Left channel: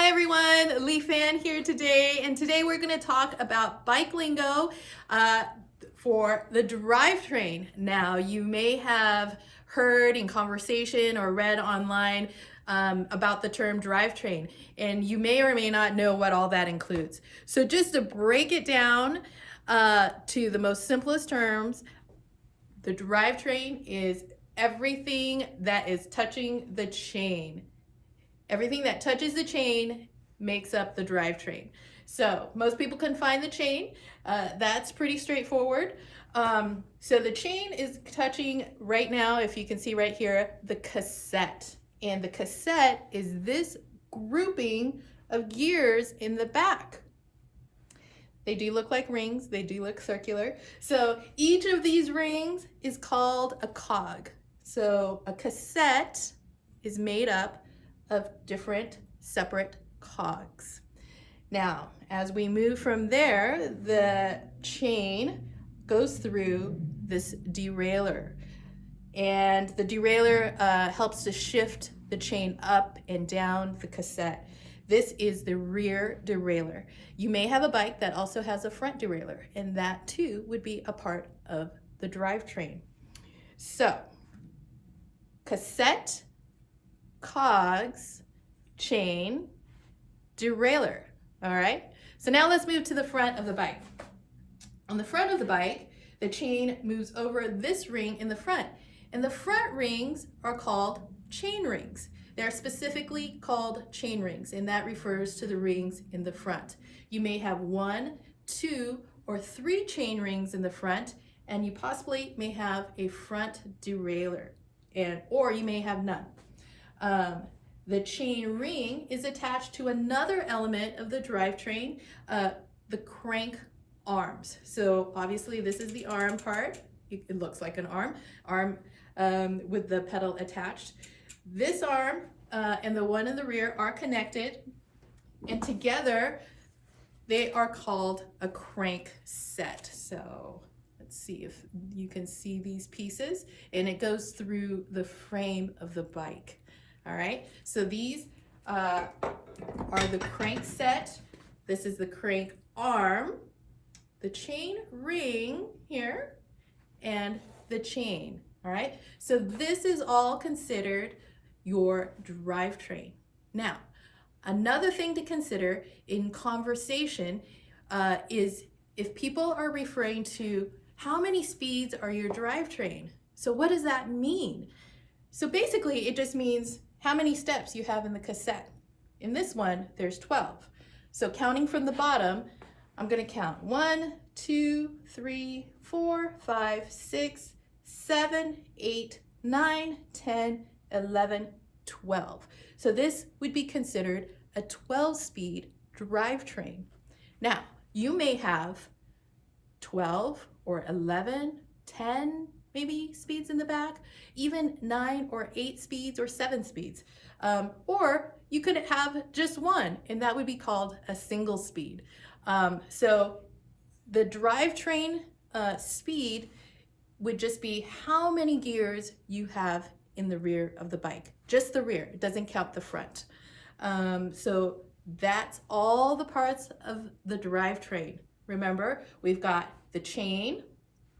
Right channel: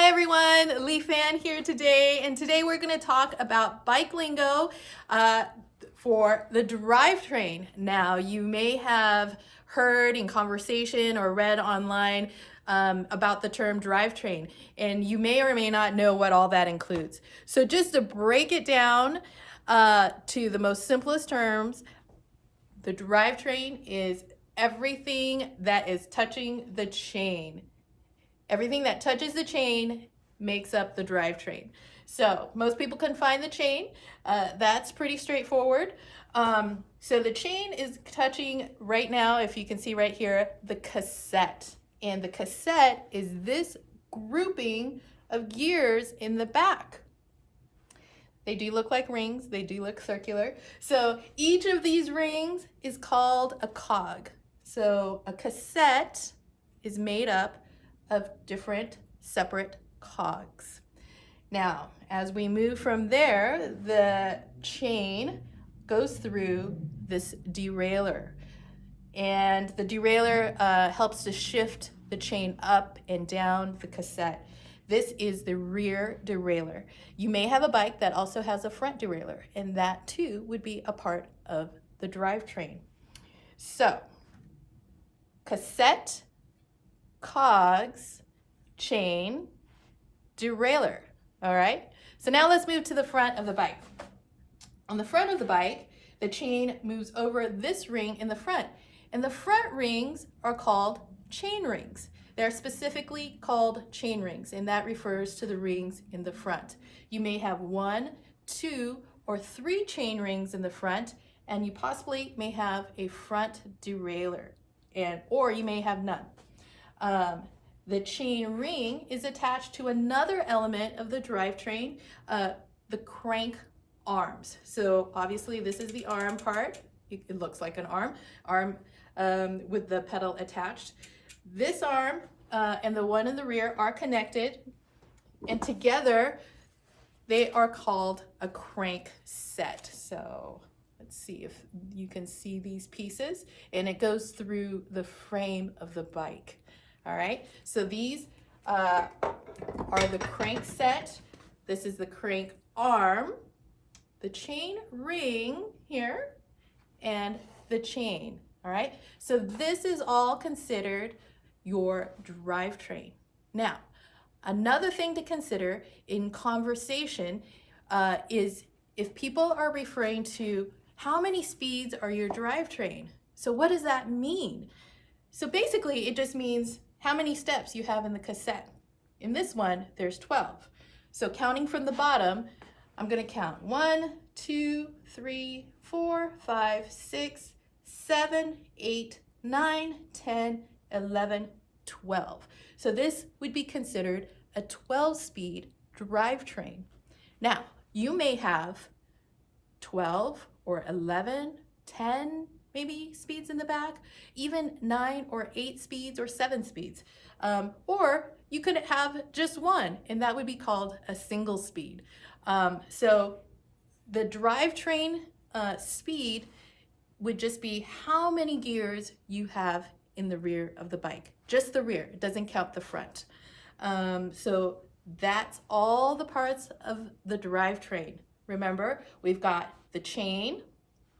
Hi everyone, Lee Fan here today, and today we're going to talk about bike lingo for the drivetrain. Now, you may have heard in conversation or read online about the term drivetrain, and you may or may not know what all that includes. So just to break it down to the most simplest terms, the drivetrain is everything that is touching the chain. Everything that touches the chain makes up the drivetrain. So most people can find the chain. That's pretty straightforward. So the chain is touching right now, if you can see right here, the cassette. And the cassette is this grouping of gears in the back. They do look like rings. They do look circular. So each of these rings is called a cog. So a cassette is made up of different separate cogs. Now, as we move from there, the chain goes through this derailleur, and the derailleur helps to shift the chain up and down the cassette. This is the rear derailleur. You may have a bike that also has a front derailleur, and that too would be a part of the drivetrain. So, cassette, cogs, chain, derailleur. All right, so now let's move to the front of the bike. On the front of the bike, the chain moves over this ring in the front, and the front rings are called chain rings. They're specifically called chain rings, and that refers to the rings in the front. You may have 1, 2, or 3 chain rings in the front, and you possibly may have a front derailleur, or you may have none. The chain ring is attached to another element of the drivetrain, the crank arms. So obviously this is the arm part. It looks like an arm with the pedal attached. This arm and the one in the rear are connected, and together they are called a crank set. So let's see if you can see these pieces, and it goes through the frame of the bike. All right, so these are the crank set. This is the crank arm, the chain ring here, and the chain. All right, so this is all considered your drivetrain. Now, another thing to consider in conversation is if people are referring to how many speeds are your drivetrain. So what does that mean? So basically it just means how many steps you have in the cassette. In this one, there's 12. So counting from the bottom, I'm gonna count 1, 2, 3, 4, 5, 6, 7, 8, 9, 10, 11, 12. So this would be considered a 12-speed drivetrain. Now, you may have 12 or 11, 10 maybe speeds in the back, even 9 or 8 speeds or 7 speeds. Or you could have just one, and that would be called a single speed. So the drivetrain speed would just be how many gears you have in the rear of the bike. Just the rear, it doesn't count the front. So that's all the parts of the drivetrain. Remember, we've got the chain,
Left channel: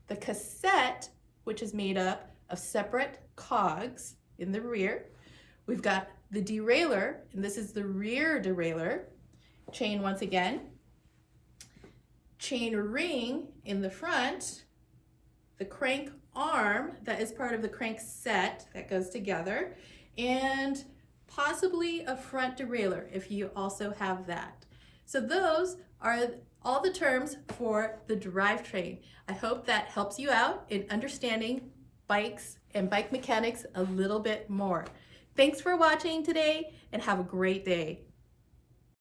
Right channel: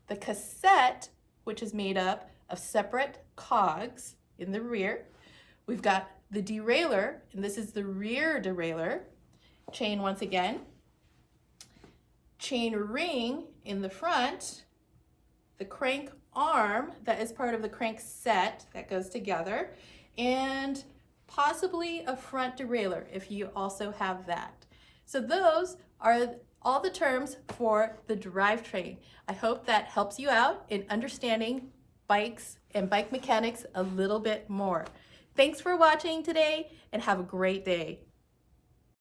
the cassette, which is made up of separate cogs in the rear. We've got the derailleur, and this is the rear derailleur. Chain once again. Chain ring in the front. The crank arm that is part of the crank set that goes together. And possibly a front derailleur if you also have that. So those are all the terms for the drivetrain. I hope that helps you out in understanding bikes and bike mechanics a little bit more. Thanks for watching today, and have a great day.